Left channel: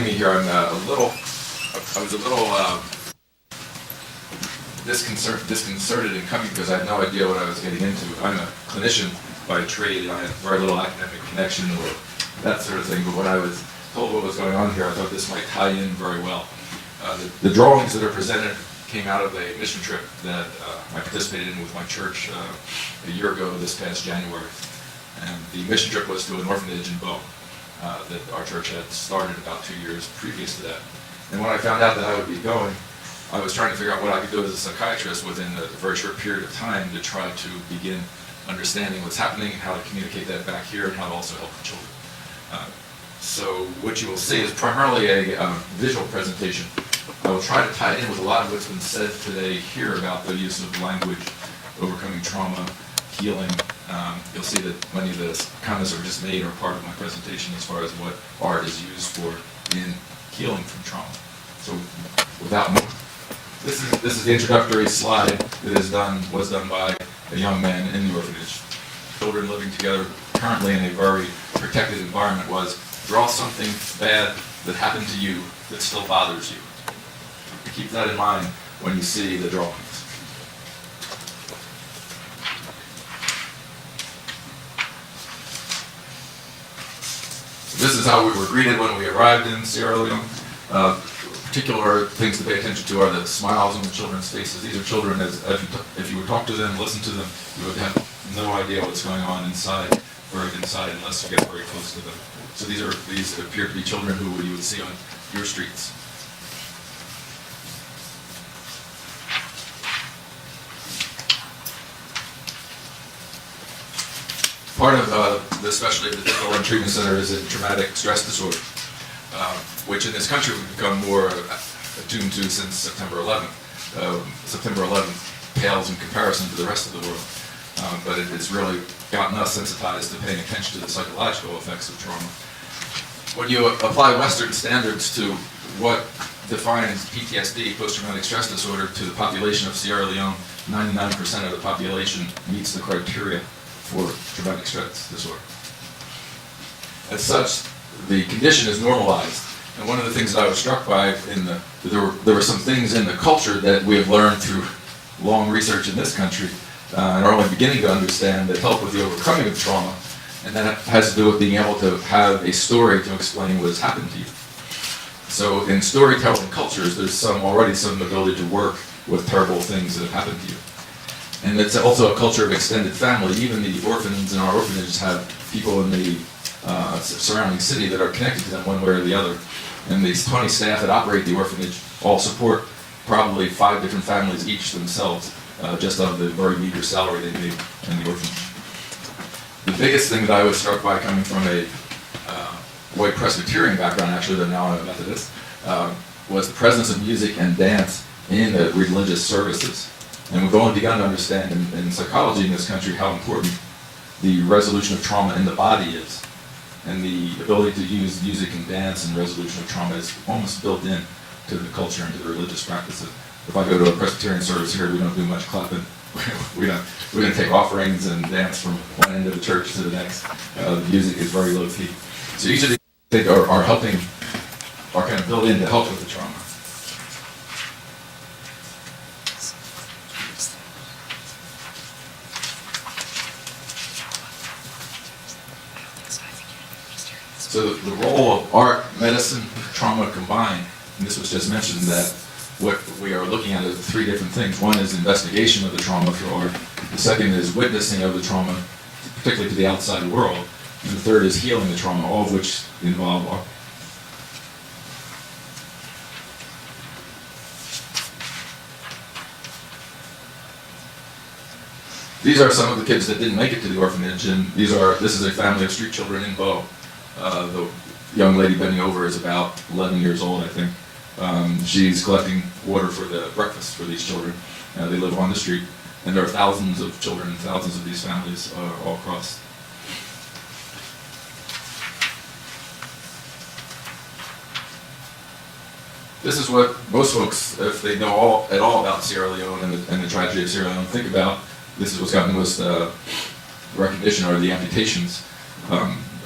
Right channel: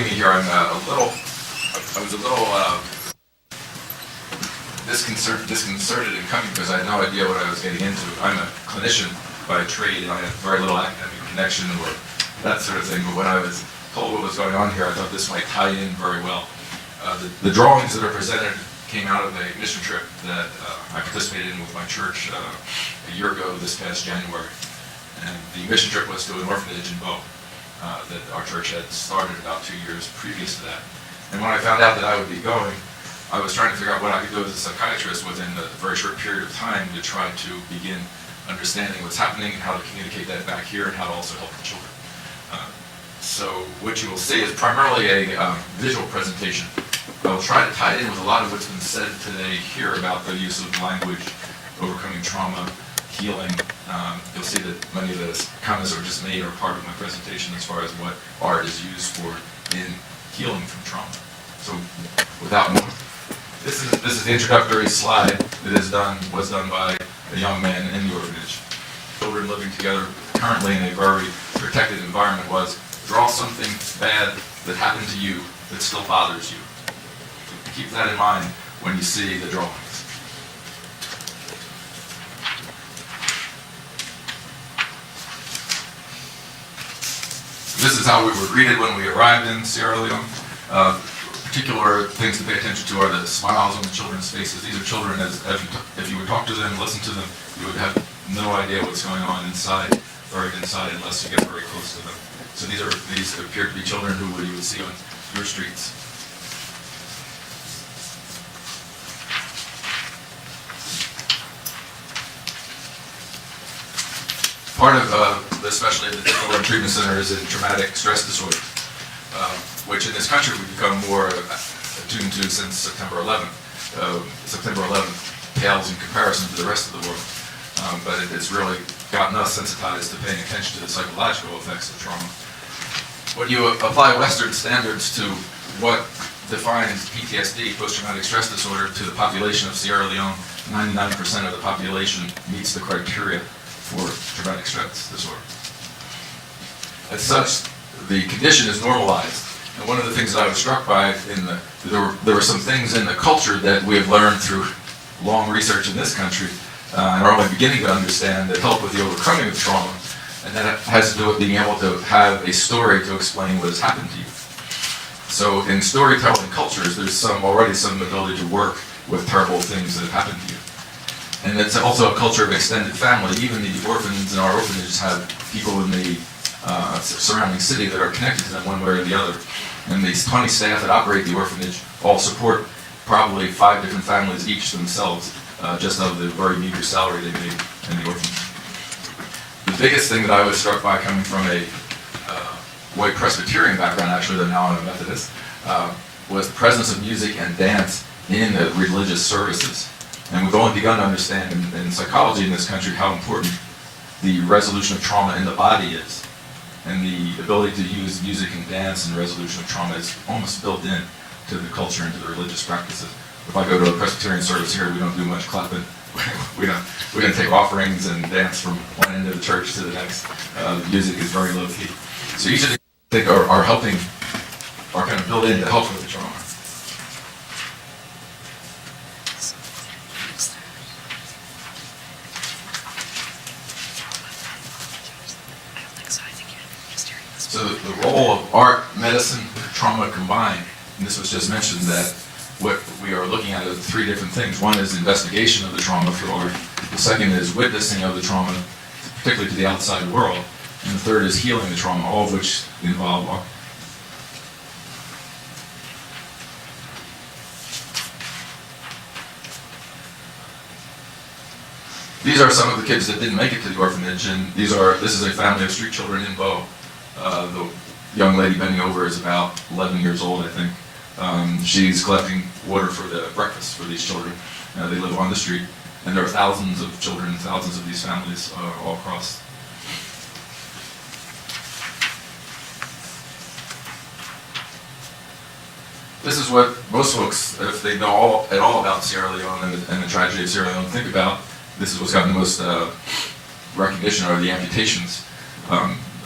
joining me here, I was a little disconcerted in coming because I had no idea what I was getting into. I'm a clinician by trade, and I have very little academic connection or that sort of thing. But when I was told what was going on here, I thought this might tie in very well. The drawings that are presented came out of a mission trip that I participated in with my church a year ago this past January. And the mission trip was to an orphanage in Bow that our church had started about 2 years previous to that. And when I found out that I would be going, I was trying to figure out what I could do as a psychiatrist within a very short period of time to try to begin understanding what's happening and how to communicate that back here and how to also help the children. So what you will see is primarily a visual presentation. I will try to tie it in with a lot of what's been said today here about the use of language, overcoming trauma, healing. You'll see that many of the comments are just made or part of my presentation as far as what art is used for in healing from trauma. So without more, this is the introductory slide that was done by a young man in the orphanage. Children living together currently in a very protected environment was, draw something bad that happened to you that still bothers you. So keep that in mind when you see the drawings. This is how we were greeted when we arrived in Sierra Leone. Particular things to pay attention to are the smiles on the children's faces. These are children, if you would talk to them, listen to them, you would have no idea what's going on inside, buried inside, unless you get very close to them. So these appear to be children who you would see on your streets. Part of the specialty of the Children Treatment Center is in traumatic stress disorder, which in this country we've become more attuned to since September 11th. September 11th pales in comparison to the rest of the world, but it's really gotten us sensitized to paying attention to the psychological effects of trauma. When you apply Western standards to what defines PTSD, post-traumatic stress disorder, to the population of Sierra Leone, 99% of the population meets the criteria for traumatic stress disorder. As such, the condition is normalized. And one of the things that I was struck by there were some things in the culture that we have learned through long research in this country and are only beginning to understand that help with the overcoming of trauma, and that has to do with being able to have a story to explain what has happened to you. So in storytelling cultures, there's already some ability to work with terrible things that have happened to you. And it's also a culture of extended family. Even the orphans in our orphanages have people in the surrounding city that are connected to them one way or the other. And these 20 staff that operate the orphanage all support probably 5 different families each themselves, just of the very meager salary they pay in the orphanage. The biggest thing that I was struck by, coming from a white Presbyterian background, actually, though now I'm a Methodist, was the presence of music and dance in the religious services. And we've only begun to understand in psychology in this country how important the resolution of trauma in the body is. And the ability to use music and dance in resolution of trauma is almost built in to the culture and to the religious practices. If I go to a Presbyterian service here, we don't do much clapping. We're going to take offerings and dance from one end of the church to the next. The music is very low key. So each of these things are helping, are kind of built in to help with the trauma. So the role of art, medicine, trauma combined, and this was just mentioned, that what we are looking at is 3 different things. One is investigation of the trauma through art. The second is witnessing of the trauma, particularly to the outside world. And the third is healing the trauma, all of which involve art. These are some of the kids that didn't make it to the orphanage, and this is a family of street children in Bow. The young lady bending over is about 11 years old, I think. She's collecting water for the breakfast for these children. They live on the street, and there are thousands of children, thousands of these families all across. This is what most folks, if they know at all about Sierra Leone and the tragedy of Sierra Leone, think about. This is what's gotten the most recognition, are the amputations.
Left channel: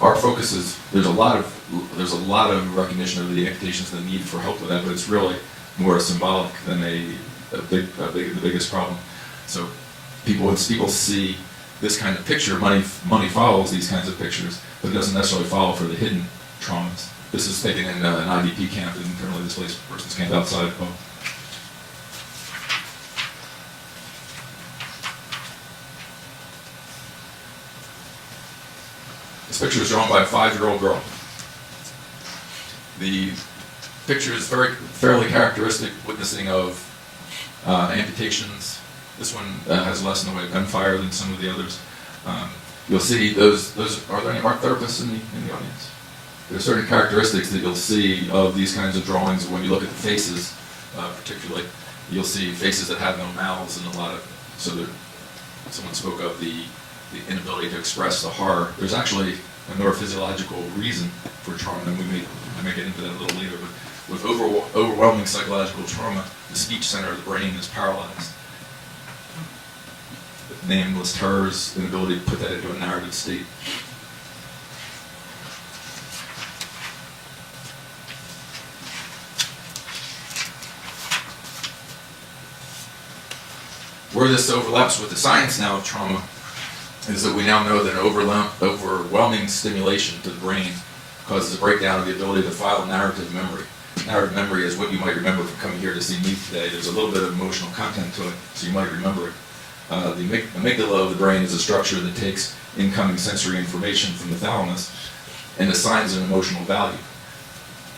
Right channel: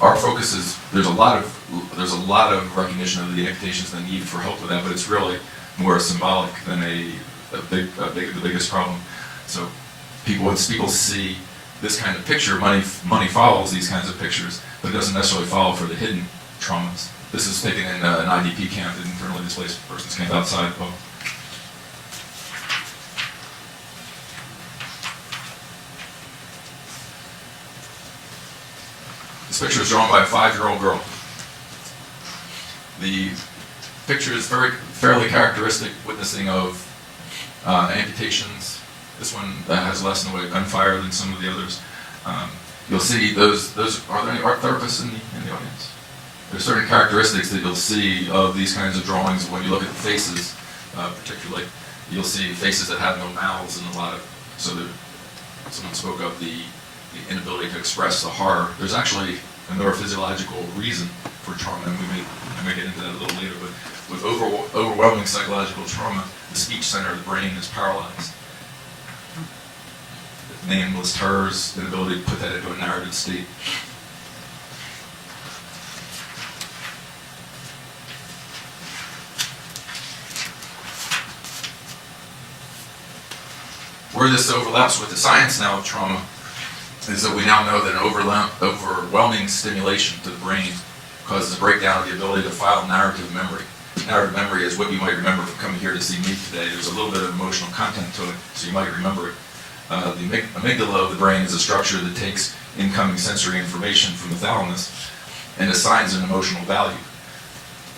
our focus is there's a lot of recognition of the amputations, the need for help with that, but it's really more symbolic than the biggest problem. So once people see this kind of picture, money follows these kinds of pictures, but it doesn't necessarily follow for the hidden traumas. This is taken in an IDP camp, an internally displaced persons camp outside of Kabul. This picture is drawn by a 5-year-old girl. The picture is fairly characteristic, witnessing of amputations. This one has less in the way of gunfire than some of the others. You'll see those. Are there any art therapists in the audience? There are certain characteristics that you'll see of these kinds of drawings when you look at the faces, particularly. You'll see faces that have no mouths and a lot of, so that someone spoke of the inability to express the horror. There's actually a neurophysiological reason for trauma, and I may get into that a little later, but with overwhelming psychological trauma, the speech center of the brain is paralyzed. The nameless terror's inability to put that into a narrative state. Where this overlaps with the science now of trauma is that we now know that overwhelming stimulation to the brain causes a breakdown of the ability to file narrative memory. Narrative memory is what you might remember from coming here to see me today. There's a little bit of emotional content to it, so you might remember it. The amygdala of the brain is a structure that takes incoming sensory information from the thalamus and assigns an emotional value.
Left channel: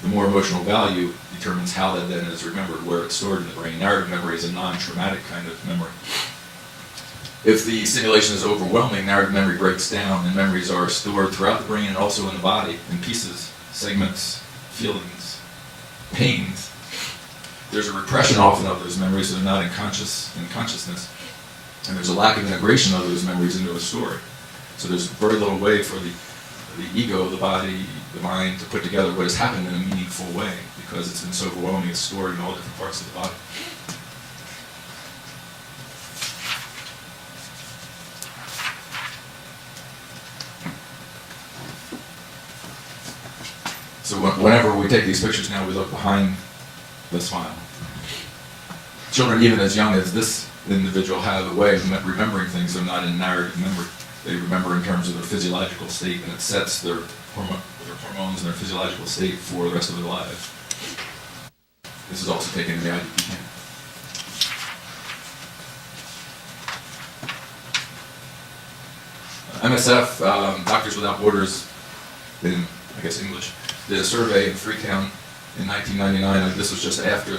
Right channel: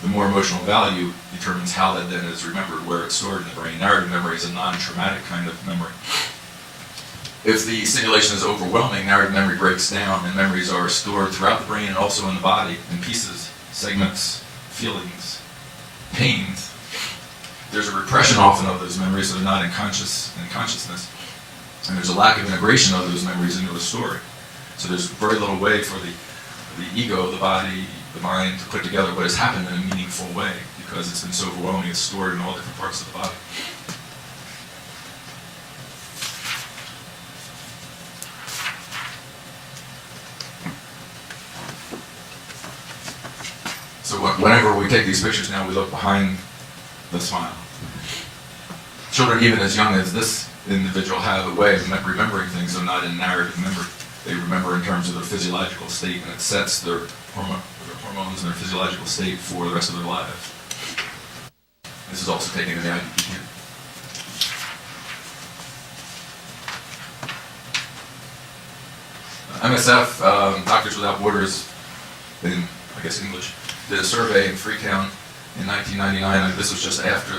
The more emotional value determines how that then is remembered, where it's stored in the brain. Narrative memory is a non-traumatic kind of memory. If the stimulation is overwhelming, narrative memory breaks down and memories are stored throughout the brain and also in the body in pieces, segments, feelings, pains. There's a repression often of those memories, so they're not in consciousness. And there's a lack of integration of those memories into a story. So there's very little way for the ego, the body, the mind to put together what has happened in a meaningful way because it's been so overwhelming, it's stored in all different parts of the body. So whenever we take these pictures now, we look behind the smile. Children, even as young as this individual, have a way of remembering things that are not in narrative memory. They remember in terms of their physiological state, and it sets their hormones and their physiological state for the rest of their lives. This is also taken in the IDP camp. MSF, Doctors Without Borders, in, I guess, English, did a survey in Freetown in 1999. This was just after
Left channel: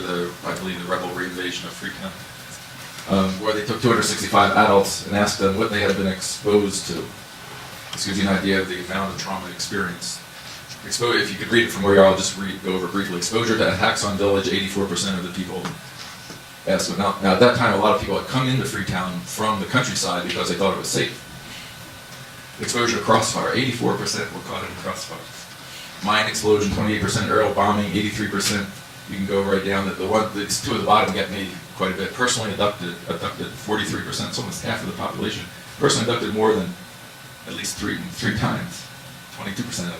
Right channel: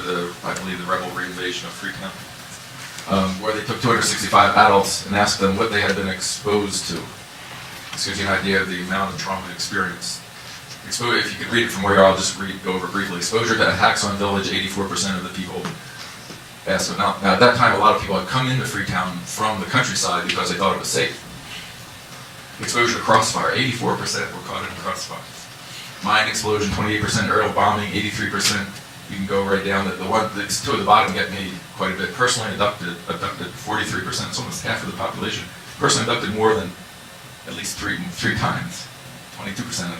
I believe, the rebel reinvasion of Freetown, where they took 265 adults and asked them what they had been exposed to. This gives you an idea of the amount of trauma experienced. If you could read it from where you are, I'll just go over briefly. Exposure to attacks on village, 84% of the people asked. Now, at that time, a lot of people had come into Freetown from the countryside because they thought it was safe. Exposure to crossfire, 84% were caught in a crossfire. Mine explosion, 28%, aerial bombing, 83%. You can go right down. It's two at the bottom get me quite a bit. Personally abducted 43%. It's almost half of the population. Personally abducted more than at least three times. 22%.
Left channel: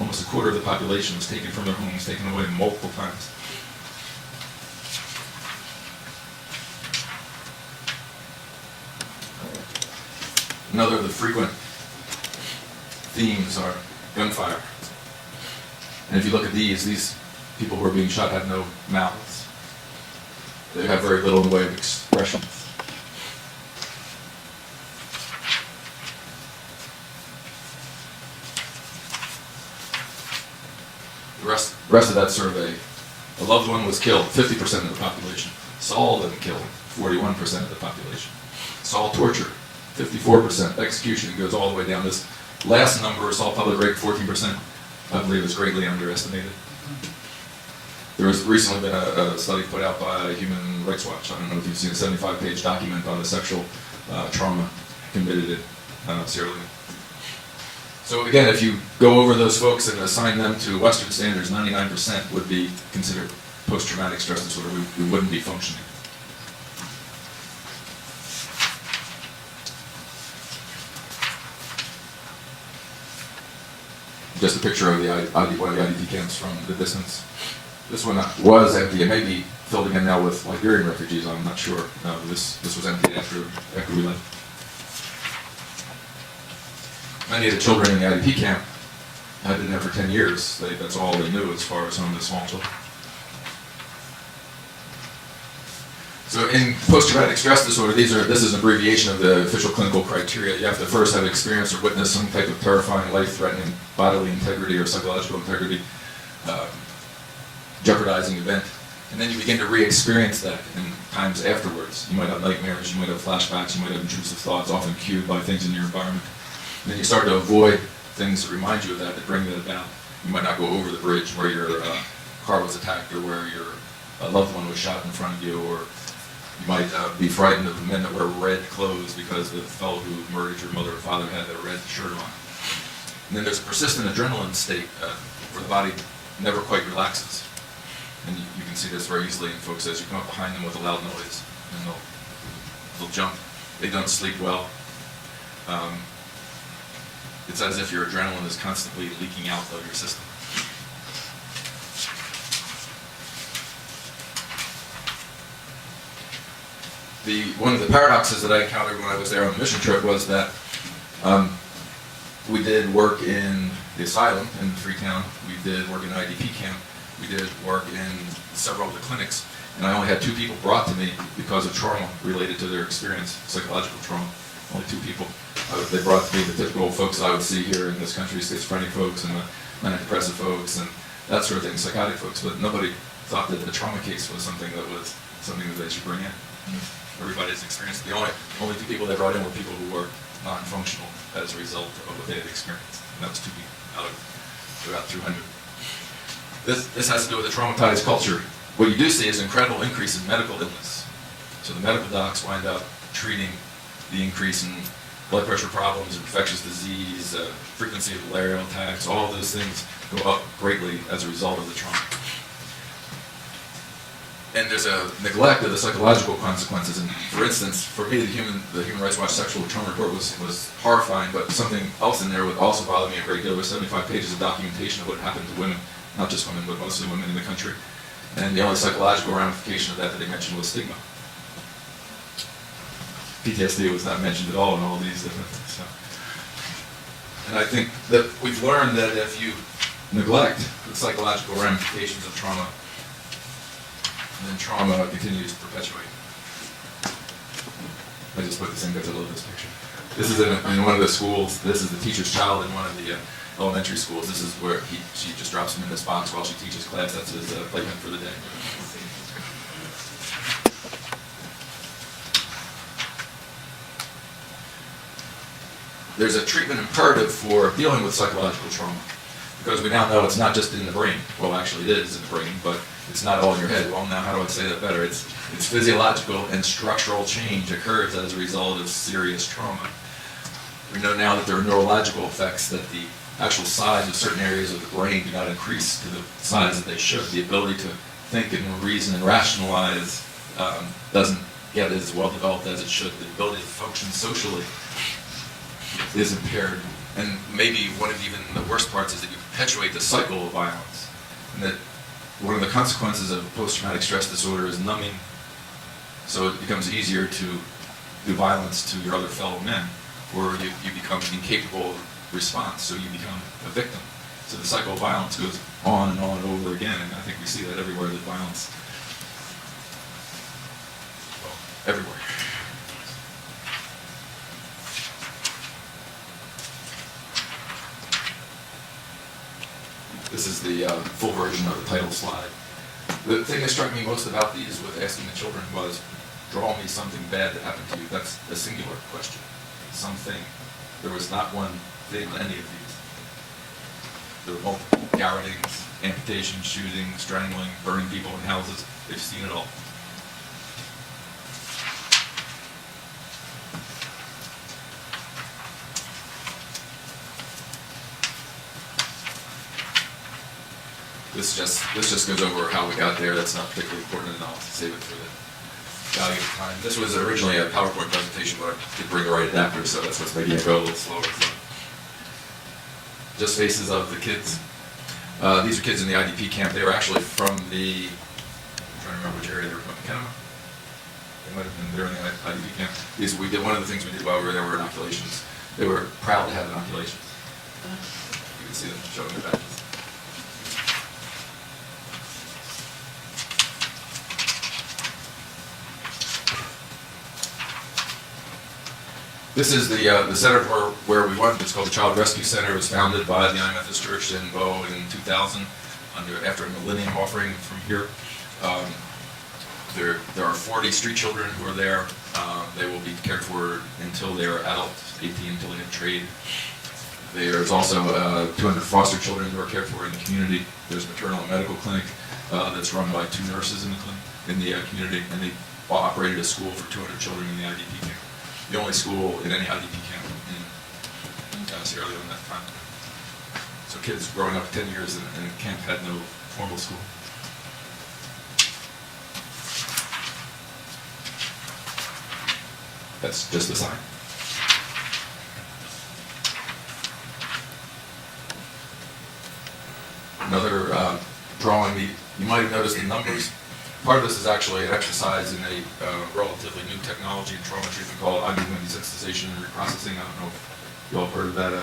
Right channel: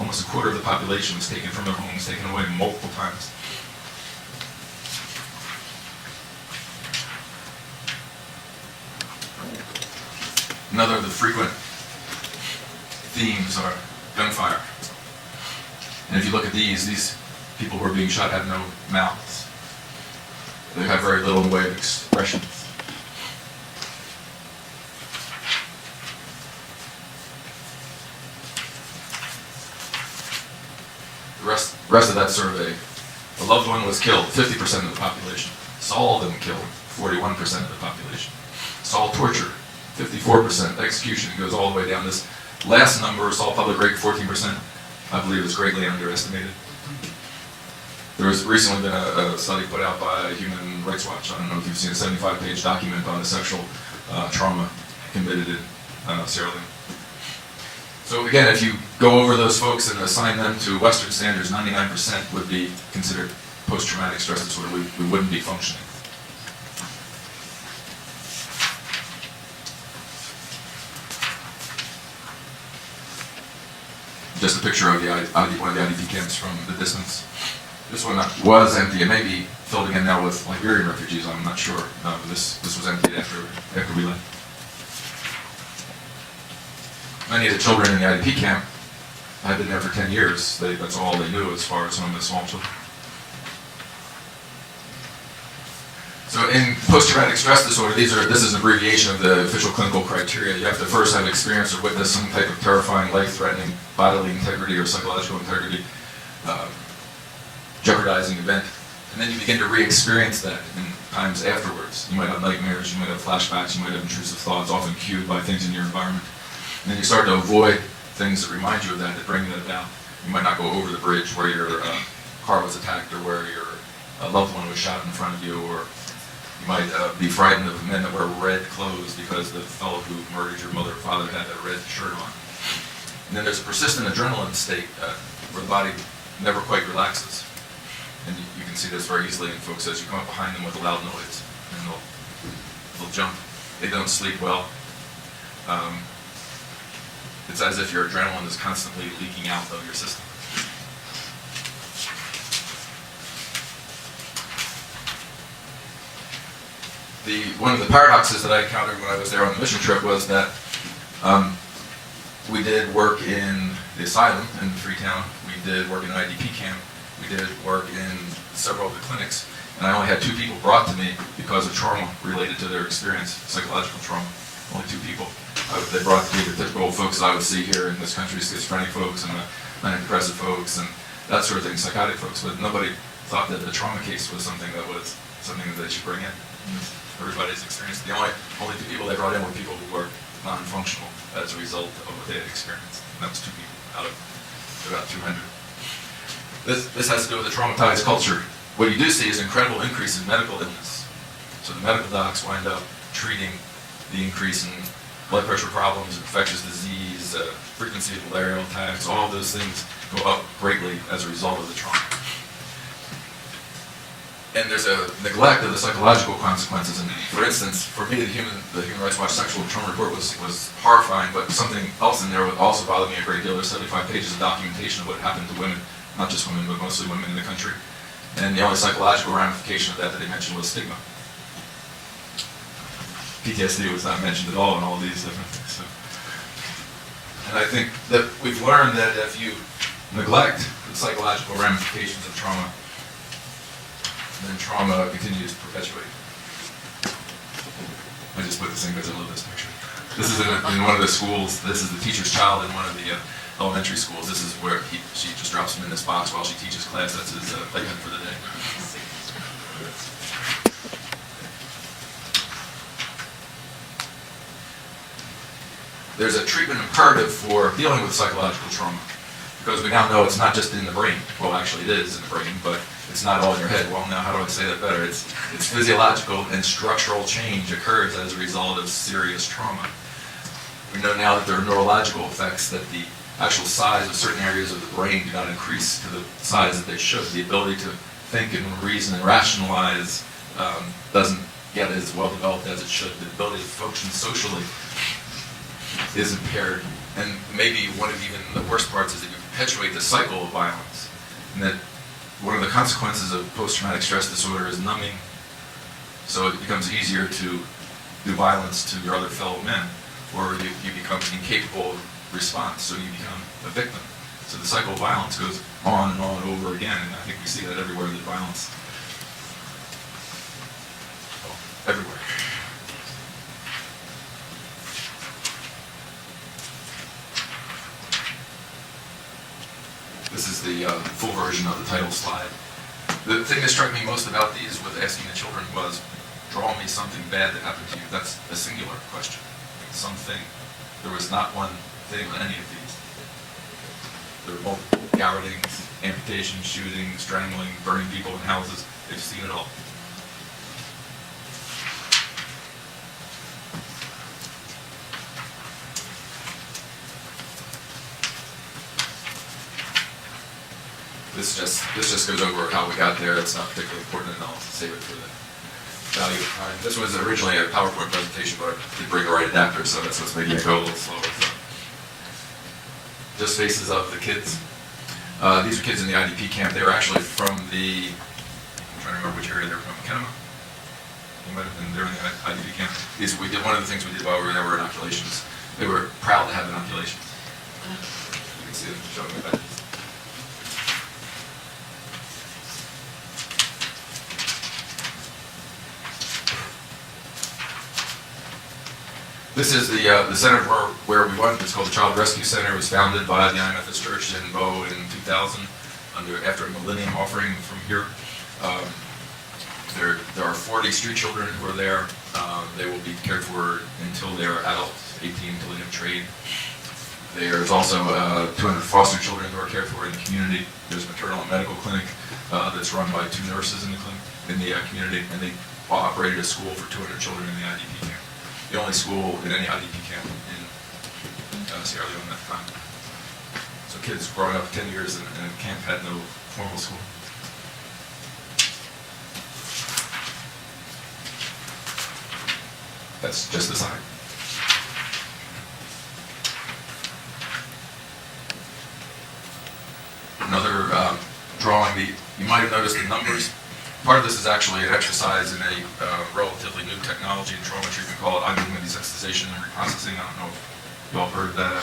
Almost a quarter of the population was taken from their homes, taken away multiple times. Another of the frequent themes are gunfire. And if you look at these people who are being shot have no mouths. They have very little in the way of expressions. The rest of that survey, a loved one was killed, 50% of the population. Saul them killed, 41% of the population. Saul tortured, 54%. Execution goes all the way down. This last number, Saul public rape, 14%, I believe is greatly underestimated. There has recently been a study put out by Human Rights Watch. I don't know if you've seen a 75-page document on the sexual trauma committed in Sierra Leone. So again, if you go over those folks and assign them to Western standards, 99% would be considered post-traumatic stress disorder. We wouldn't be functioning. just a picture of one of the IDP camps from the distance. This one was empty. It may be filled again now with Liberian refugees. I'm not sure. This was emptied after we left. Many of the children in the IDP camp had been there for 10 years. That's all they knew as far as some of the small children. So in post-traumatic stress disorder, this is an abbreviation of the official clinical criteria. You have to first have experienced or witnessed some type of terrifying, life-threatening bodily integrity or psychological integrity jeopardizing event. And then you begin to re-experience that in times afterwards. You might have nightmares, you might have flashbacks, you might have intrusive thoughts, often cued by things in your environment. And then you start to avoid things that remind you of that bring that about. You might not go over the bridge where your car was attacked or where your loved one was shot in front of you, or you might be frightened of men that wear red clothes because the fellow who murdered your mother or father had a red shirt on. And then there's a persistent adrenaline state where the body never quite relaxes. And you can see this very easily in folks as you come up behind them with a loud noise, and they'll jump. They don't sleep well. It's as if your adrenaline is constantly leaking out of your system. One of the paradoxes that I encountered when I was there on the mission trip was that we did work in the asylum in Freetown, we did work in an IDP camp, we did work in several of the clinics, and I only had 2 people brought to me because of trauma related to their experience, psychological trauma. Only 2 people. They brought to me the typical folks that I would see here in this country, schizophrenic folks and manic depressive folks and that sort of thing, psychotic folks, but nobody thought that the trauma case was something that they should bring in. Everybody's experienced. The only 2 people they brought in were people who were non-functional as a result of what they had experienced. And that was 2 people out of about 200. This has to do with a traumatized culture. What you do see is an incredible increase in medical illness. So the medical docs wind up treating the increase in blood pressure problems, infectious disease, frequency of malarial attacks, all those things go up greatly as a result of the trauma. And there's a neglect of the psychological consequences. And for instance, for me, the Human Rights Watch sexual trauma report was horrifying, but something else in there would also bother me a great deal. There's 75 pages of documentation of what happened to women, not just women, but mostly women in the country. And the only psychological ramification of that they mentioned was stigma. PTSD was not mentioned at all in all of these different things. So. And I think that we've learned that if you neglect the psychological ramifications of trauma, then trauma continues to perpetuate. I just put this in because I love this picture. This is in one of the schools. This is the teacher's child in one of the elementary schools. This is where she just drops him in this box while she teaches class. That's his playpen for the day. There's a treatment imperative for dealing with psychological trauma, because we now know it's not just in the brain. Well, actually it is in the brain, but it's not all in your head. Well, now how do I say that better? It's physiological and structural change occurs as a result of serious trauma. We know now that there are neurological effects, that the actual size of certain areas of the brain do not increase to the size that they should. The ability to think and reason and rationalize doesn't get as well developed as it should. The ability to function socially is impaired. And maybe one of even the worst parts is that you perpetuate the cycle of violence. And that one of the consequences of post-traumatic stress disorder is numbing. So it becomes easier to do violence to your other fellow men, or you become incapable of response, so you become a victim. So the cycle of violence goes on and on and over again, and I think we see that everywhere, that violence, everywhere. This is the full version of the title slide. The thing that struck me most about these with asking the children was, draw me something bad that happened to you. That's a singular question. Something. There was not one thing on any of these. There were multiple garrotings, amputations, shootings, strangling, burning people in houses. They've seen it all. This just goes over how we got there. It's not particularly important, and I'll save it for the value of time. This was originally a PowerPoint presentation, but I didn't bring the right adapter, so that's what's making it go a little slower. just faces of the kids. These are kids in the IDP camp. They were actually from the, I'm trying to remember which area they were from, McKenna? They were in the IDP camp. One of the things we did while we were there were inoculations. They were proud to have inoculations. You can see them showing the badges. This is the center where we went. It's called the Child Rescue Center. It was founded by the United Methodist Church in Bow in 2000, after a millennium offering from here. There are 40 street children who are there. They will be cared for until they are adults, 18, until they have trade. There's also 200 foster children who are cared for in the community. There's a maternal and medical clinic that's run by 2 nurses in the community, and they operated a school for 200 children in the IDP camp. The only school in any IDP camp in Sierra Leone at the time. So kids growing up 10 years in a camp had no formal school. That's just the sign. Another drawing, you might have noticed the numbers. Part of this is actually an exercise in a relatively new technology in trauma treatment called IBM desensitization and reprocessing. I don't know if you all heard of that.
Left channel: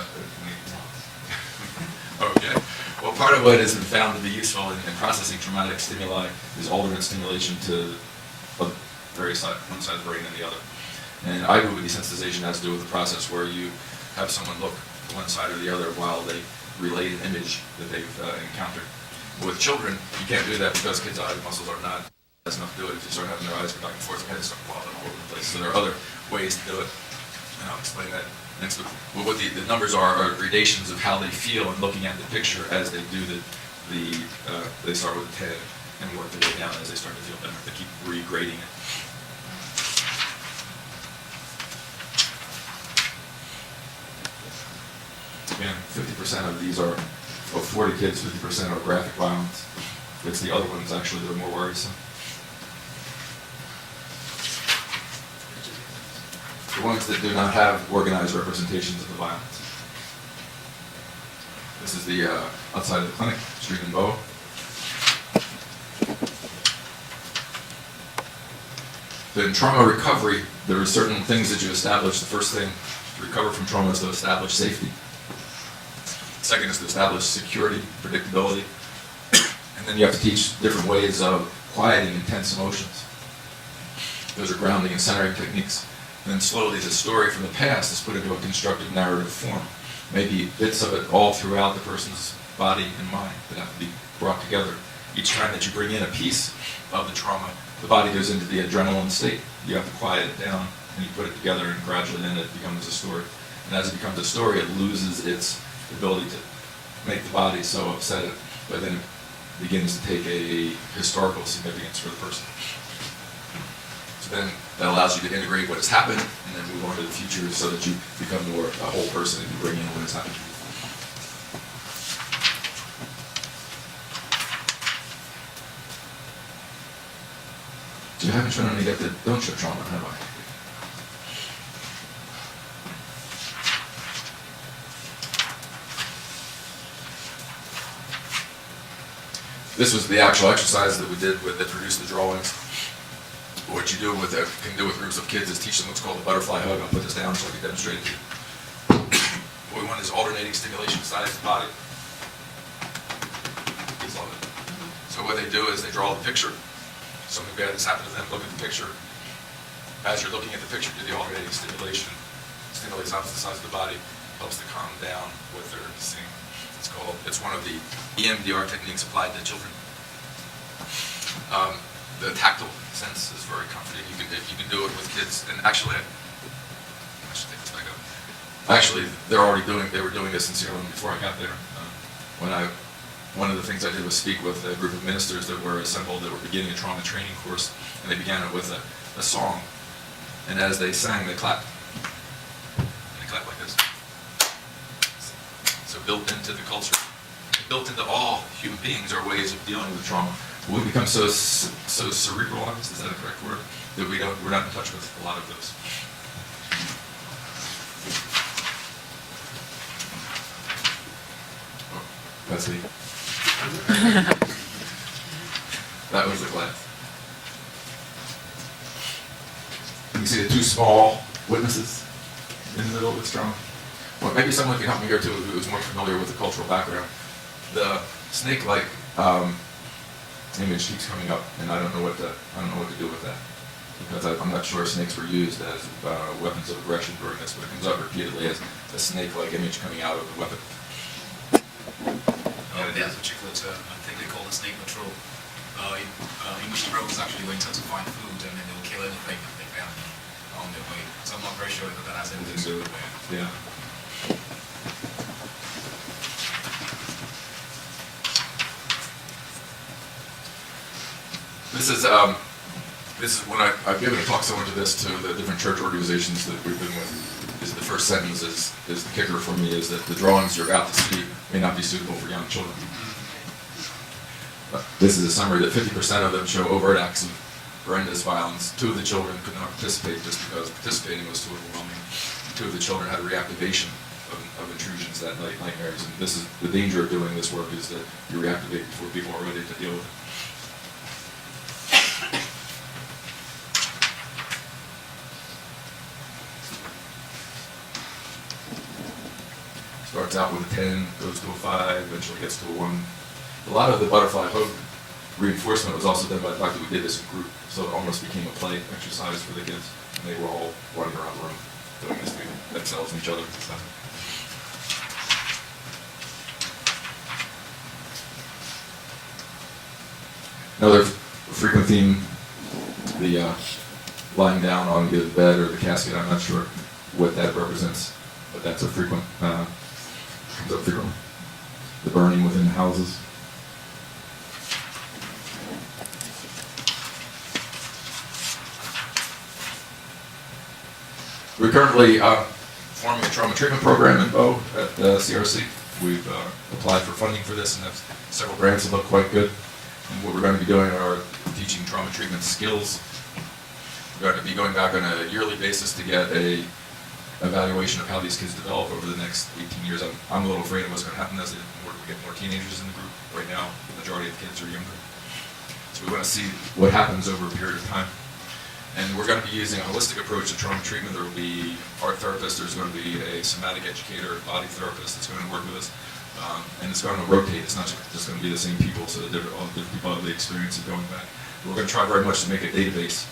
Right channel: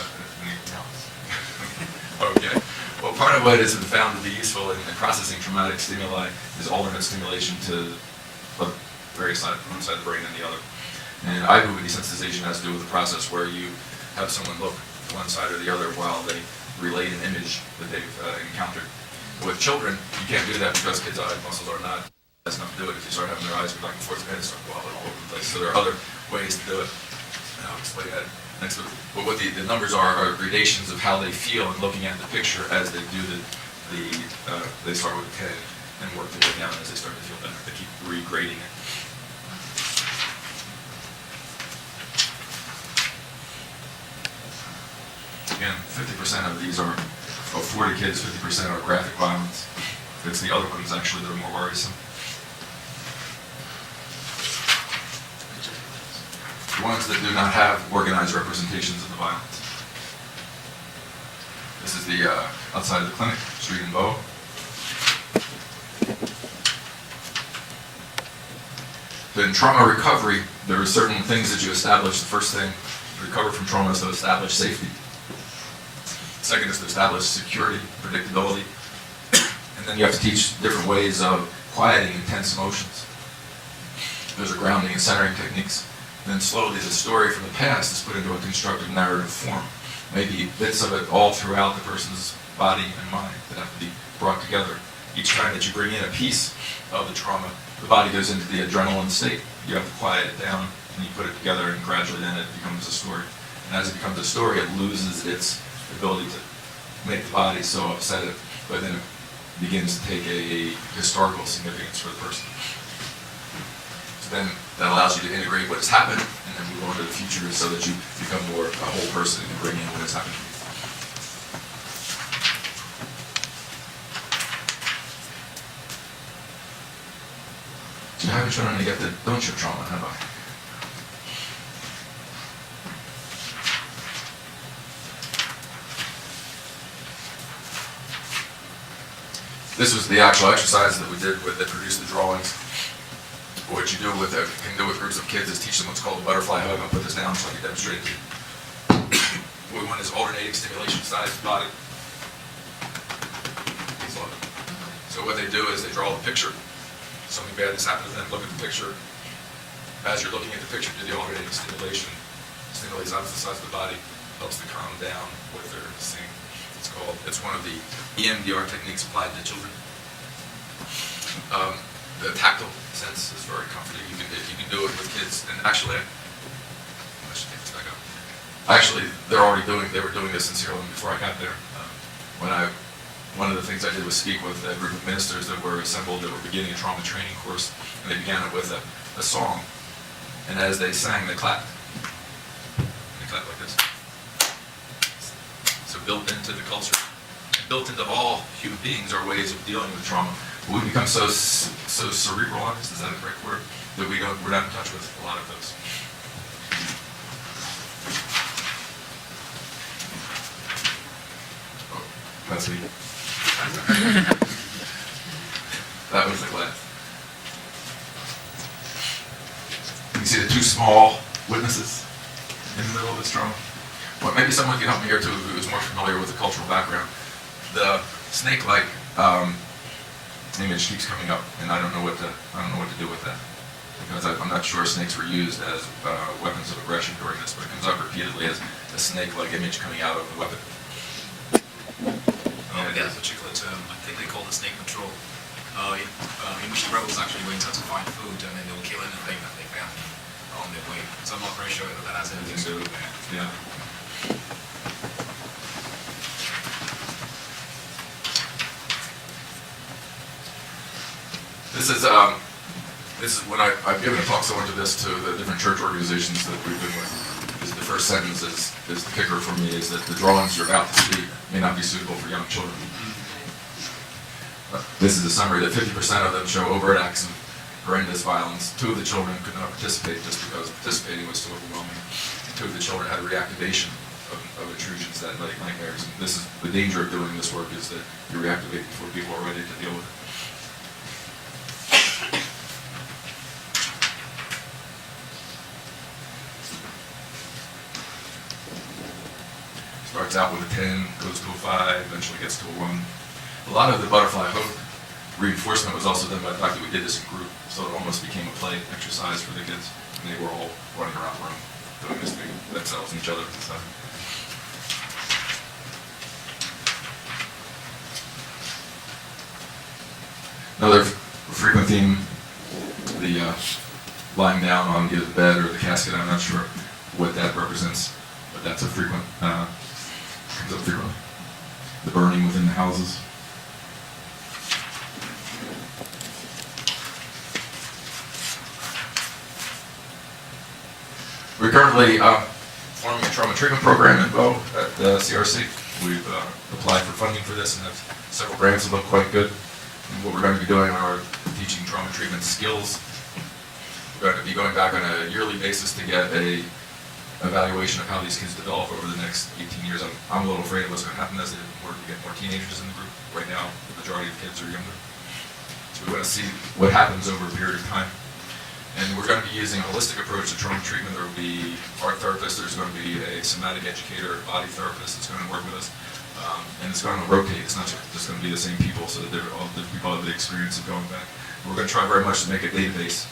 Okay. Well, part of what has been found to be useful in processing traumatic stimuli is alternate stimulation to the various side, one side of the brain and the other. And IBM desensitization has to do with the process where you have someone look to one side or the other while they relate an image that they've encountered. With children, you can't do that because kids' eye muscles are not that's enough to do it. If you start having their eyes go back and forth, their heads start wobbling all over the place. So there are other ways to do it. And I'll explain that next week. But what the numbers are gradations of how they feel in looking at the picture as they do they start with 10 and work their way down as they start to feel better. They keep regrading it. Again, 50% of these are, of 40 kids, 50% are graphic violence. It's the other ones actually that are more worrisome. The ones that do not have organized representations of the violence. This is the outside of the clinic, street in Bow. In trauma recovery, there are certain things that you establish. The first thing to recover from trauma is to establish safety. Second is to establish security, predictability. And then you have to teach different ways of quieting intense emotions. Those are grounding and centering techniques. And then slowly the story from the past is put into a constructive narrative form. Maybe bits of it all throughout the person's body and mind that have to be brought together. Each time that you bring in a piece of the trauma, the body goes into the adrenaline state. You have to quiet it down, and you put it together, and gradually then it becomes a story. And as it becomes a story, it loses its ability to make the body so upset, but then it begins to take a historical significance for the person. So then that allows you to integrate what has happened and then move on to the future so that you become more a whole person and bring in what has happened to you. So I haven't shown any yet that don't show trauma, have I? This was the actual exercise that we did that produced the drawings. What you do with can do with groups of kids is teach them what's called a butterfly hug. I'll put this down so I can demonstrate it to you. What we want is alternating stimulation size of the body. So what they do is they draw the picture. Something bad has happened to them, look at the picture. As you're looking at the picture, do the alternating stimulation. Stimulates opposite sides of the body, helps them calm down with their seeing. It's one of the EMDR techniques applied to children. The tactile sense is very comforting. You can do it with kids. And actually, I should take this back up. Actually, they were doing this in Sierra Leone before I got there. One of the things I did was speak with a group of ministers that were assembled that were beginning a trauma training course, and they began it with a song. And as they sang, they clapped. They clapped like this. So built into the culture, built into all human beings are ways of dealing with trauma. We become so cerebralized, is that a correct word? That we're not in touch with a lot of those. That's me. That was the glass. You can see the two small witnesses in the middle of this drama. But maybe someone can help me here too, who is more familiar with the cultural background. The snake-like image keeps coming up, and I don't know what to do with that, because I'm not sure snakes were used as weapons of aggression during this, but it comes up repeatedly as a snake-like image coming out of a weapon. That particular term, I think they call it snake patrol, in which the rebels actually went out to find food, and then they will kill anything that they found on their way. So I'm not very sure that that has anything to do with that. Yeah. This is when I've given a talk similar to this to the different church organizations that we've been with. The first sentence is the kicker for me, is that the drawings you're about to see may not be suitable for young children. This is a summary that 50% of them show overt acts of horrendous violence. 2 of the children could not participate just because participating was too overwhelming. 2 of the children had a reactivation of intrusions that night, nightmares. And this is the danger of doing this work, is that you reactivate before people are ready to deal with it. Starts out with a 10, goes to a 5, eventually gets to a 1. A lot of the butterfly hook reinforcement was also done by the fact that we did this in group, so it almost became a play exercise for the kids. And they were all running around the room doing this thing themselves and each other at the time. Another frequent theme, the lying down on either the bed or the casket. I'm not sure what that represents, but that's a frequent, comes up frequently. The burning within the houses. We're currently forming a trauma treatment program in Bow at CRC. We've applied for funding for this and have several grants that look quite good. And what we're going to be doing are teaching trauma treatment skills. We're going to be going back on a yearly basis to get a evaluation of how these kids develop over the next 18 years. I'm a little afraid of what's going to happen as they get more teenagers in the group. Right now, the majority of kids are younger. So we want to see what happens over a period of time. And we're going to be using a holistic approach to trauma treatment. There will be art therapists, there's going to be a somatic educator, a body therapist that's going to work with us. And it's going to rotate. It's not just going to be the same people, so that all different people have the experience of going back. We're going to try very much to make a database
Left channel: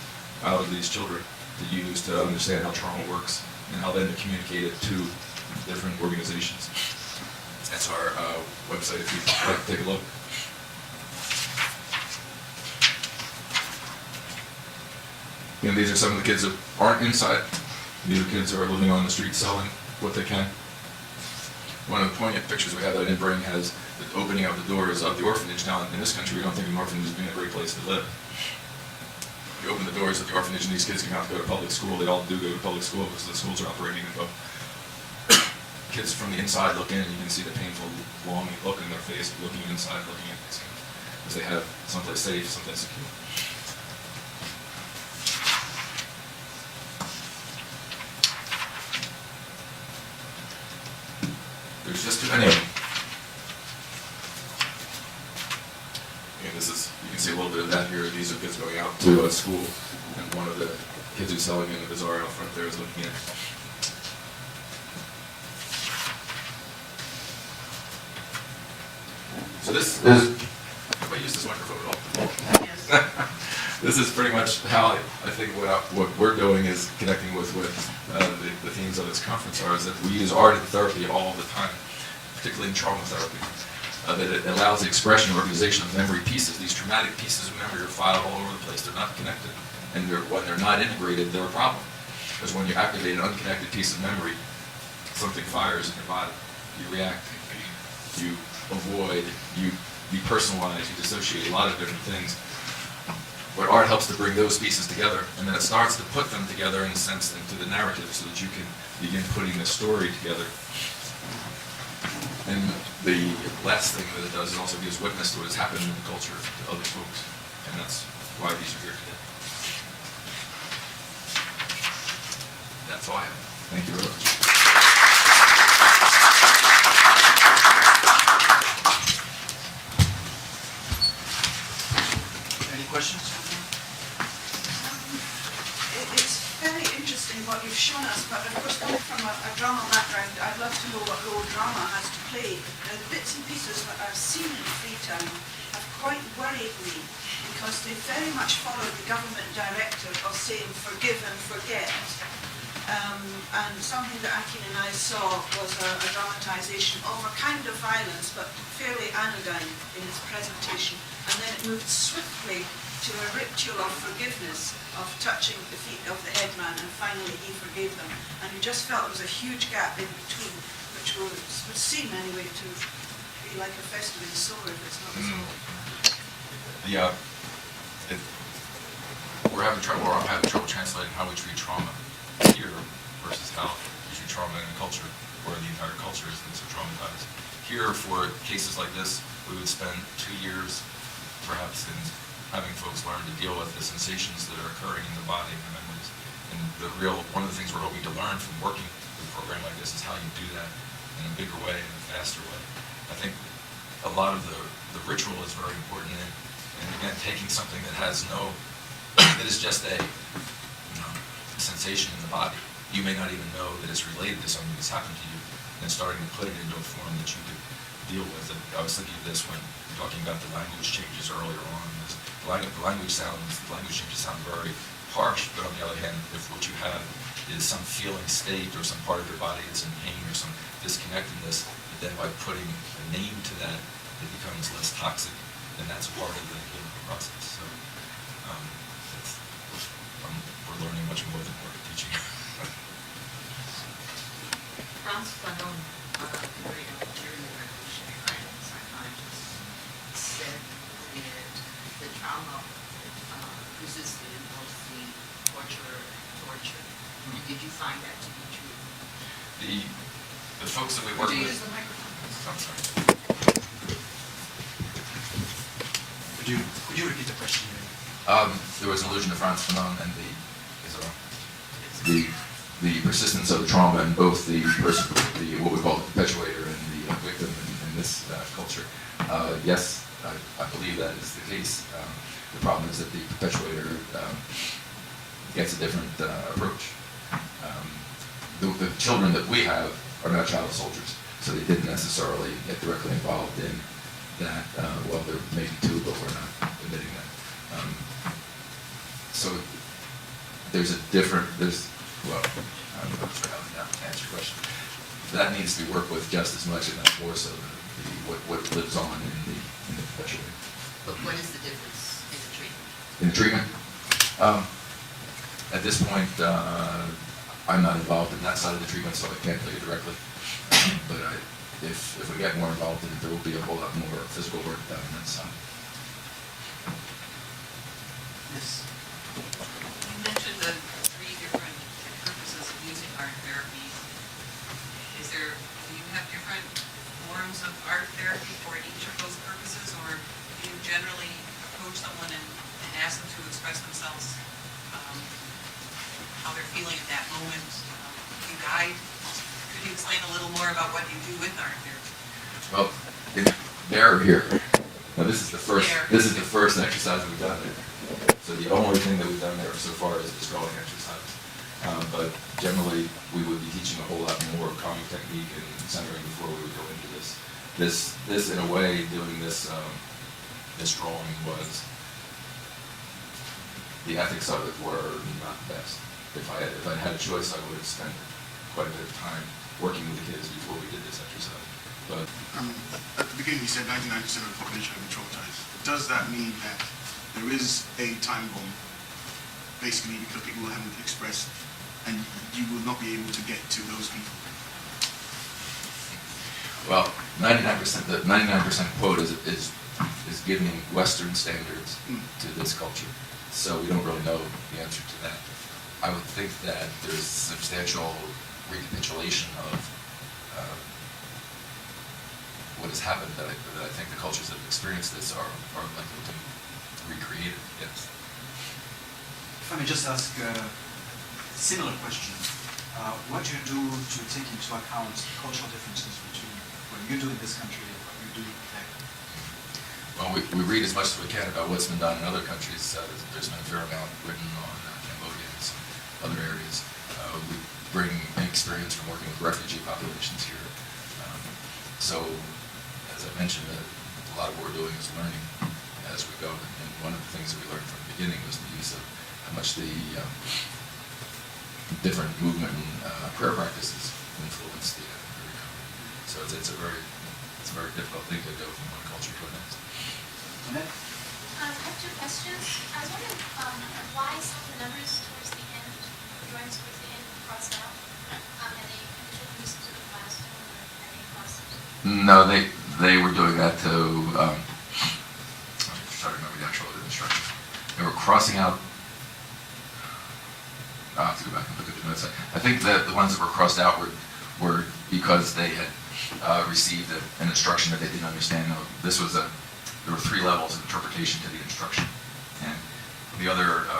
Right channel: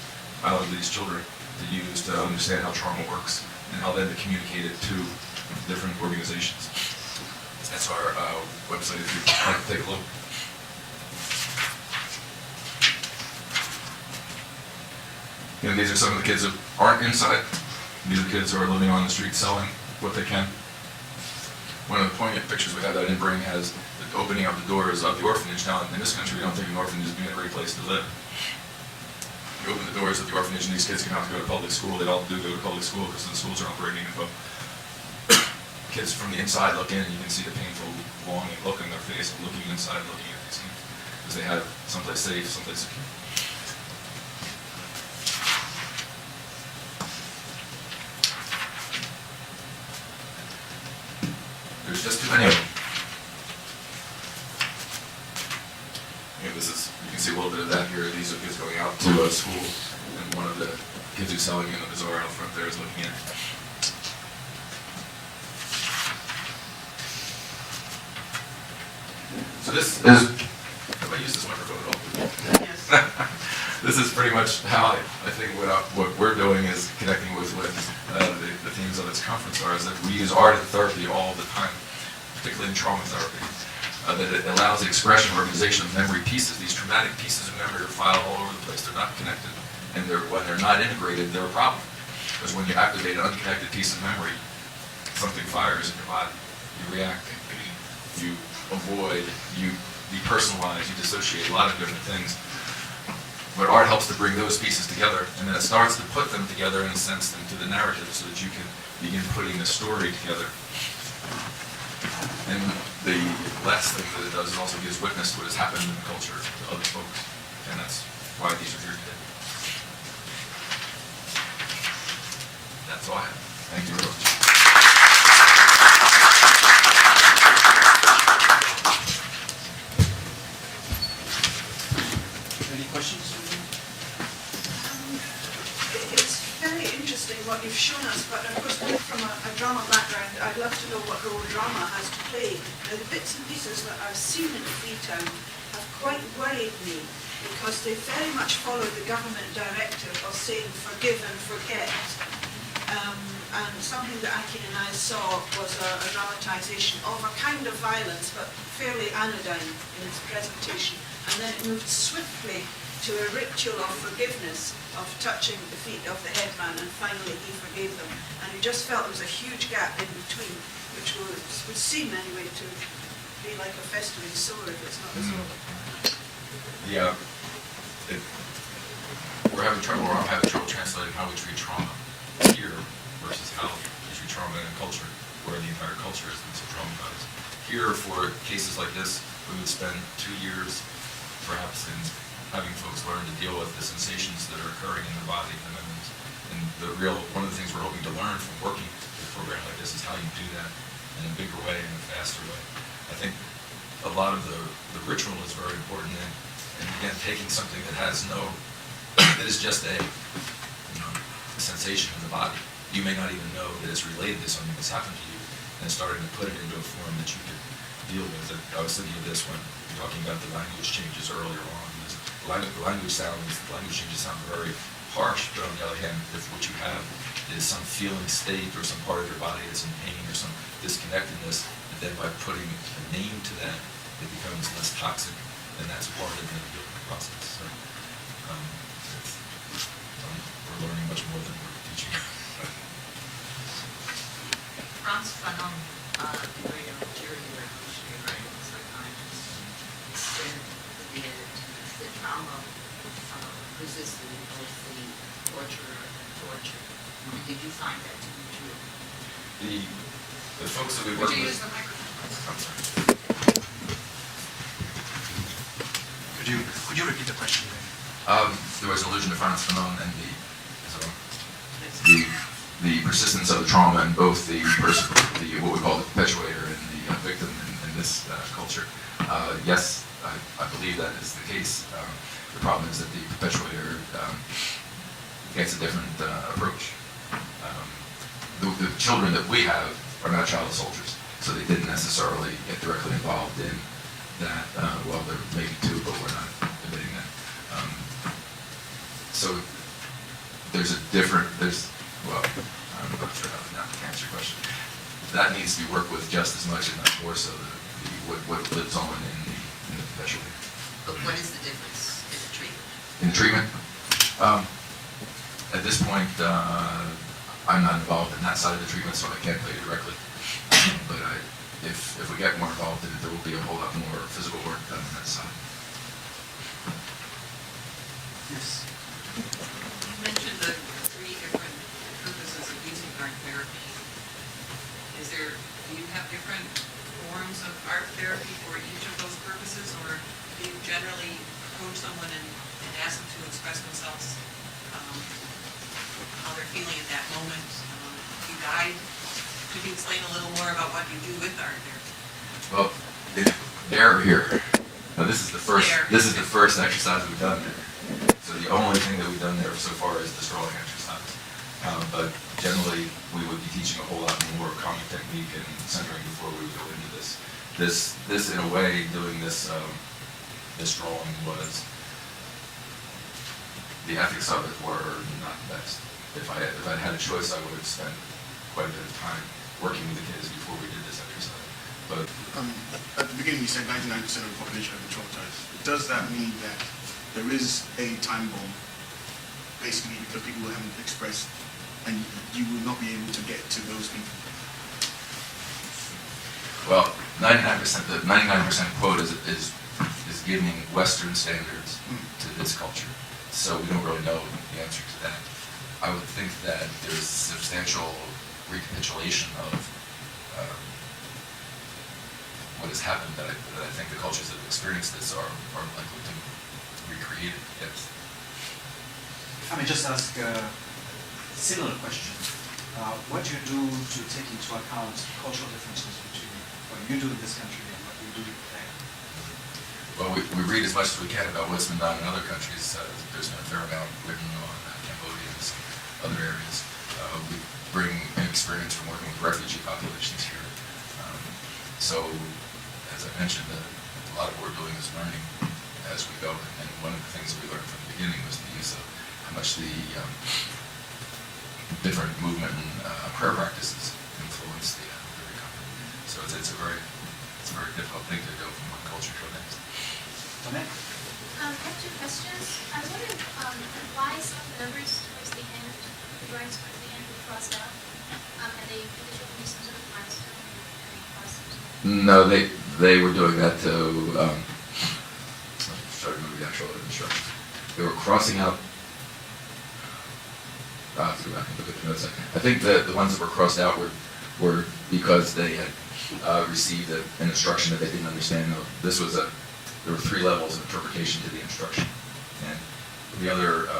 out of these children to use to understand how trauma works and how then to communicate it to different organizations. That's our website if you'd like to take a look. You know, these are some of the kids who aren't inside. These are kids who are living on the street selling what they can. One of the poignant pictures we have that I didn't bring has the opening of the doors of the orphanage. Now, in this country, we don't think an orphanage is being a great place to live. You open the doors of the orphanage and these kids come out to go to public school. They all do go to public school because the schools are operating at both. Kids from the inside look in and you can see the painful, longing look in their face, looking inside, looking at these kids. Because they have someplace safe, someplace secure. There's just too many of them. And this is, you can see a little bit of that here. These are kids going out to school, and one of the kids who's selling in the bazaar out front there is looking in. So this is, if I use this microphone at all? Yes. This is pretty much how I think what we're doing is connecting with the themes of this conference are, is that we use art and therapy all the time, particularly in trauma therapy. That it allows the expression and organization of memory pieces. These traumatic pieces of memory are filed all over the place. They're not connected. And when they're not integrated, they're a problem. Because when you activate an unconnected piece of memory, something fires in your body. You react, you avoid, you personalize, you dissociate, a lot of different things. But art helps to bring those pieces together, and then it starts to put them together in a sense into the narrative so that you can begin putting the story together. And the last thing that it does is also gives witness to what has happened in the culture to other folks. And that's why these are here today. That's all I have. Thank you very much. questions? It's very interesting what you've shown us, but of course coming from a drama background, I'd love to know what role drama has to play. The bits and pieces that I've seen in Freetown have quite worried me because they very much follow the government directive of saying forgive and forget. And something that Akin and I saw was a dramatisation of a kind of violence, but fairly anodyne in its presentation. And then it moved swiftly to a ritual of forgiveness, of touching the feet of the headman, and finally he forgave them. And you just felt there was a huge gap in between, which would seem anyway to be like a festival of the soul if it's not as well. I'm having trouble translating how we treat trauma here versus how we treat trauma in a culture where the entire culture is so traumatized. Here, for cases like this, we would spend 2 years perhaps in having folks learn to deal with the sensations that are occurring in their body and their memories. And one of the things we're hoping to learn from working with a program like this is how you do that in a bigger way and a faster way. I think a lot of the ritual is very important, and again, taking something that has that is just a sensation in the body. You may not even know that it's related to something that's happened to you, and starting to put it into a form that you could deal with it. I was thinking of this when talking about the language changes earlier on. The language changes sound very harsh, but on the other hand, if what you have is some feeling state or some part of your body that's in pain or some disconnectedness, then by putting a name to that, it becomes less toxic, and that's part of the healing process. So, we're learning much more than we're teaching. Frantz Fanon, during the revolutionary writing psychologist, said that trauma resisted both the torture. Did you find that to be true? The folks that we Would work you with. use the microphone? I'm sorry. Could you repeat the question? There was an allusion to Frantz Fanon and the persistence of the trauma in both the what we call the perpetuator and the victim in this culture. Yes, I believe that is the case. The problem is that the perpetuator gets a different approach. The children that we have are not child soldiers, so they didn't necessarily get directly involved in that. Well, there may be two, but we're not admitting that. So there's a different, I'm not sure how to answer your question. That needs to be worked with just as much, if not more so, what lives on in the perpetuator. But what is the difference in the treatment? In the treatment? At this point, I'm not involved in that side of the treatment, so I can't tell you directly. But if we get more involved in it, there will be a whole lot more physical work done on that side. Yes. You mentioned the 3 different purposes of using art therapy. Do you have different forms of art therapy for each of those purposes, or do you generally approach someone and ask them to express themselves, how they're feeling at that moment? Do you guide? Could you explain a little more about what you do with art therapy? Well, they're here. Now, this is the first exercise we've done there. So the only thing that we've done there so far is the scrolling exercise. But generally, we would be teaching a whole lot more calming technique and centering before we would go into this. This in a way, doing this drawing was, the ethics of it were not the best. If I had a choice, I would have spent quite a bit of time working with the kids before we did this exercise. But at the beginning you said 99% of the population have been traumatized. Does that mean that there is a time bomb, basically because people haven't expressed, and you will not be able to get to those people? Well, 99%. The 99% quote is giving Western standards to this culture, so we don't really know the answer to that. I would think that there's substantial recapitulation of what has happened that I think the cultures that have experienced this are likely to recreate it. Yes. If I may just ask a similar question. What do you do to take into account cultural differences between what you do in this country and what you do there? Well, we read as much as we can about what's been done in other countries. There's been a fair amount written on Cambodia and some other areas. We bring experience from working with refugee populations here. So, as I mentioned, a lot of what we're doing is learning as we go. And one of the things that we learned from the beginning was the use of how much the different movement and prayer practices influence the recovery. So it's a very difficult thing to go from one culture to the next. Annette? I have two questions. I was wondering why some of the numbers towards the end, the drawings towards the end were crossed out. Are they traditionally some sort of milestone or are they crossed? No, they were doing that to I'm trying to remember the actual instructions. They were crossing out. I'll have to go back and look at the notes. I think the ones that were crossed out were because they had received an instruction that they didn't understand. There were 3 levels of interpretation to the instruction. And the other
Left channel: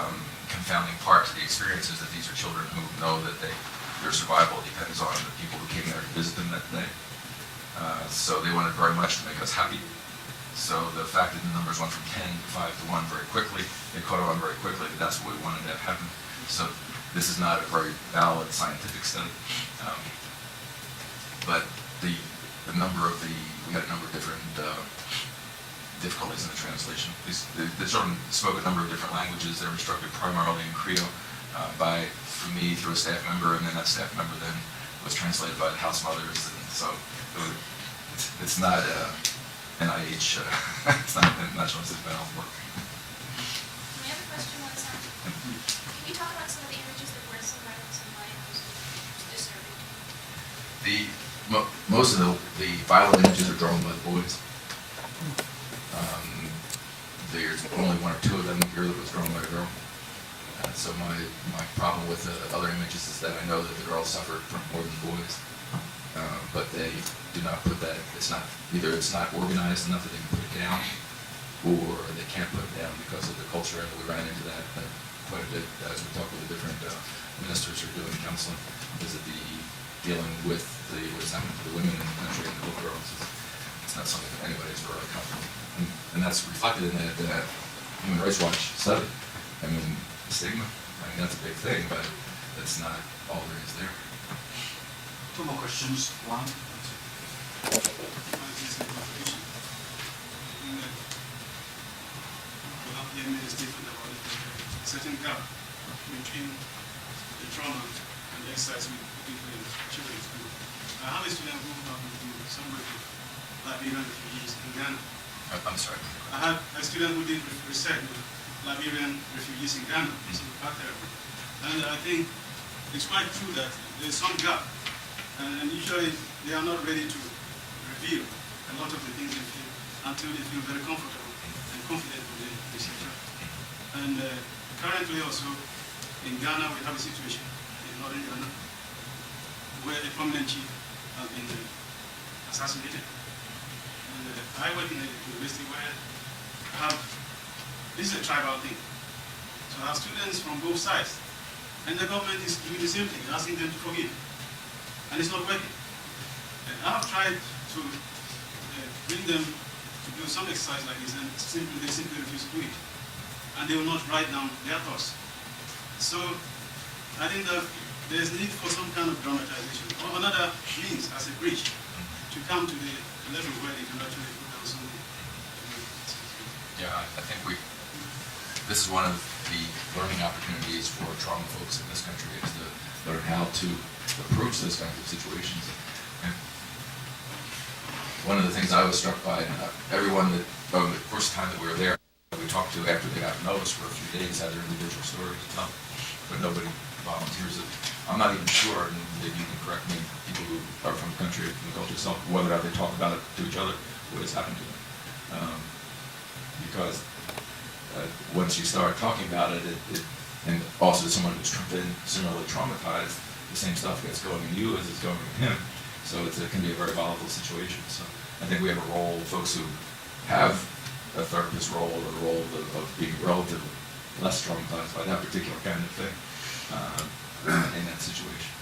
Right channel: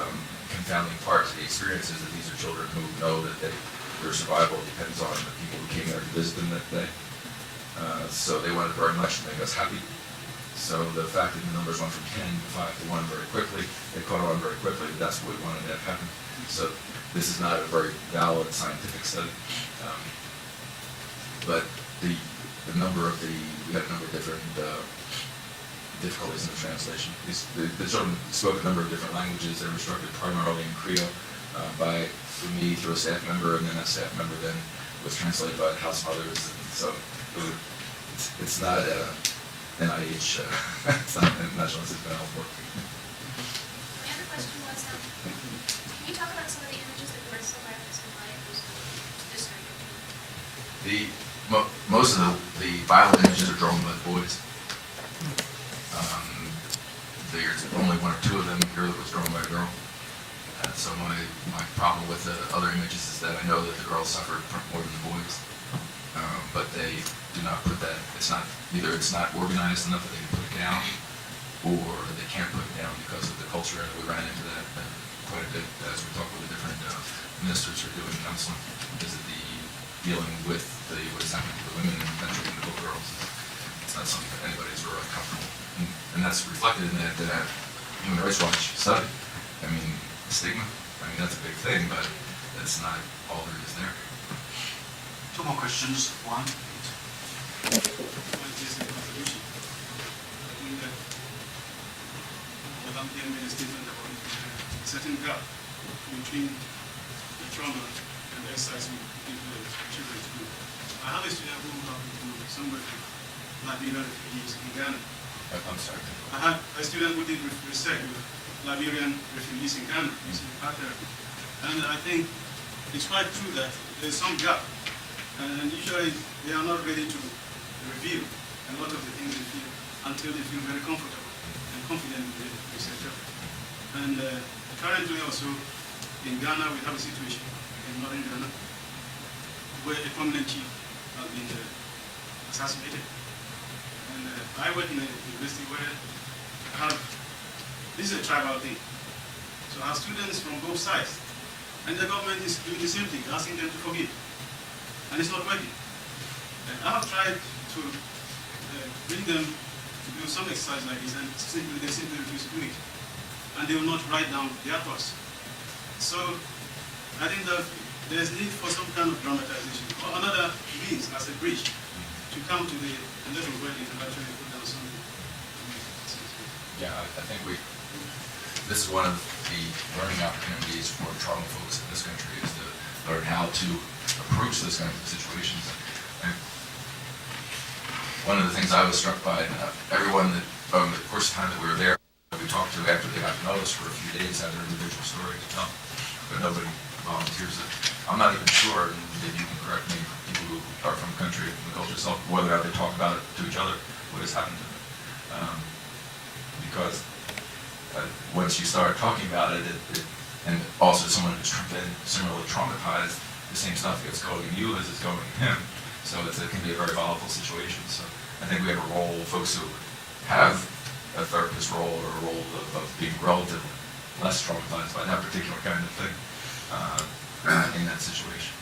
confounding part to the experience is that these are children who know that their survival depends on the people who came there to visit them that day. So they wanted very much to make us happy. So the fact that the numbers went from 10 to 5 to 1 very quickly, they caught on very quickly that that's what we wanted to have happen. So this is not a very valid scientific study. But we had a number of different difficulties in the translation. The children spoke a number of different languages. They were instructed primarily in Creole through me, through a staff member, and then that staff member then was translated by the house mothers. And so it's not NIH, it's not National Institute of Health work. My other question was, can you talk about some of the images that weren't so violent and why it was disturbing? Most of the violent images are drawn by the boys. There's only 1 or 2 of them here that was drawn by a girl. So my problem with the other images is that I know that the girls suffered more than the boys, but they do not put that. Either it's not organized enough that they can put it down, or they can't put it down because of the culture. And we ran into that quite a bit as we talked with the different ministers who are doing counseling, is that dealing with what's happening to the women and eventually the little girls. It's not something that anybody's really comfortable. And that's reflected in that Human Rights Watch study. I mean, stigma, that's a big thing, but that's not all there is there. 2 more questions. 1. Certain gap between the trauma and the exercise people and children to do. I have a student who somebody Liberian refugees in Ghana. I'm sorry. I had a student who did research with Liberian refugees in Ghana, using art therapy. And I think it's quite true that there's some gap. And usually they are not ready to reveal a lot of the things they feel until they feel very comfortable and confident with the researcher. And currently also in Ghana we have a situation in northern Ghana where a prominent chief has been assassinated. And I went in a university where this is a tribal thing. So our students from both sides, and the government is doing the same thing, asking them to forgive. And it's not working. And I have tried to bring them to do some exercise like this, and they simply refuse to do it. And they will not write down their thoughts. So I think that there's need for some kind of dramatization or another means as a bridge to come to the level where you can actually put down some. Yeah, I think this is one of the learning opportunities for trauma folks in this country, is to learn how to approach this kind of situations. And one of the things I was struck by, and everyone that, over the course of time that we were there, we talked to after they got to know us for a few days, had their individual story to tell, but nobody volunteers it. I'm not even sure, and maybe you can correct me, people who are from the country, the culture itself, whether or not they talk about it to each other, what has happened to them. Because once you start talking about it, and also someone who's been similarly traumatized, the same stuff gets going in you as it's going in him. So it can be a very volatile situation. So I think we have a role, folks who have a therapist role or a role of being relatively less traumatized by that particular kind of thing in that situation.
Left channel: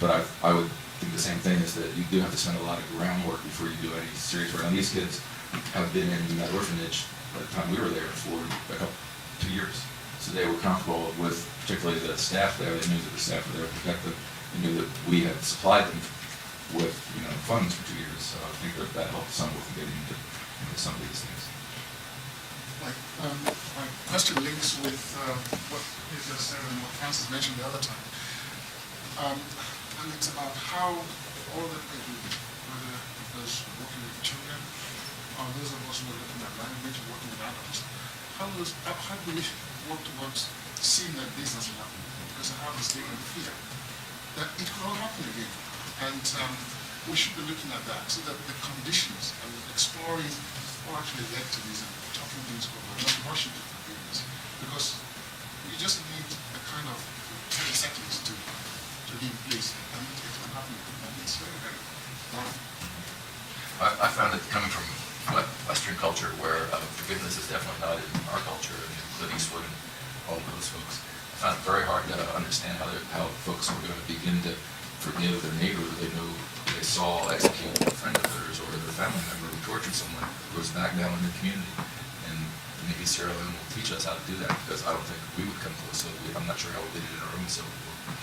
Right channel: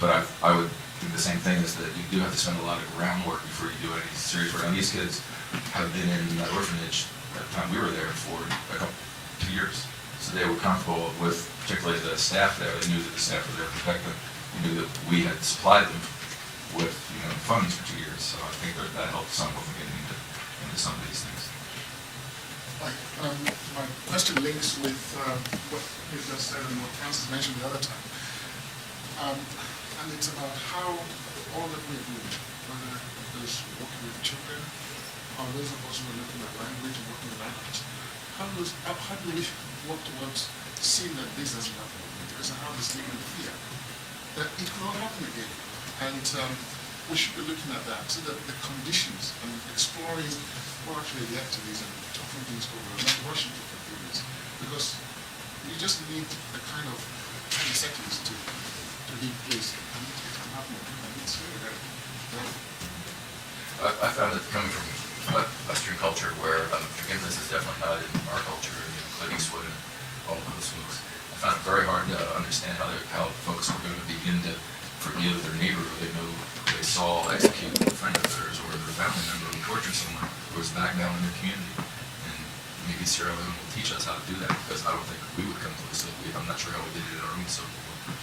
But I would think the same thing is that you do have to spend a lot of groundwork before you do any serious work. And these kids have been in that orphanage by the time we were there for 2 years. So they were comfortable with, particularly the staff there. They knew that the staff were there to protect them. They knew that we had supplied them with funds for 2 years. So I think that helped some with getting into some of these things. My question links with what Hitler said and what Francis mentioned the other time. And it's about how all that we do, whether those working with children or those of us who are looking at language and working with adults, how do we work towards seeing that this doesn't happen? Because I have this little fear that it could all happen again. And we should be looking at that so that the conditions and exploring what actually led to this and talking things over and not rushing to forgiveness. Because you just need the kind of settings to be in place. And it can happen again. And it's very, very wrong. I found it coming from Western culture where forgiveness is definitely not in our culture, Clint Eastwood and all of those folks. I found it very hard to understand how folks were going to begin to forgive their neighbor who they knew they saw execute a friend of theirs or their family member who tortured someone who was back down in the community. And maybe Sierra Leone will teach us how to do that, because I don't think we would come close to it. I'm not sure how we did it in our own civil war.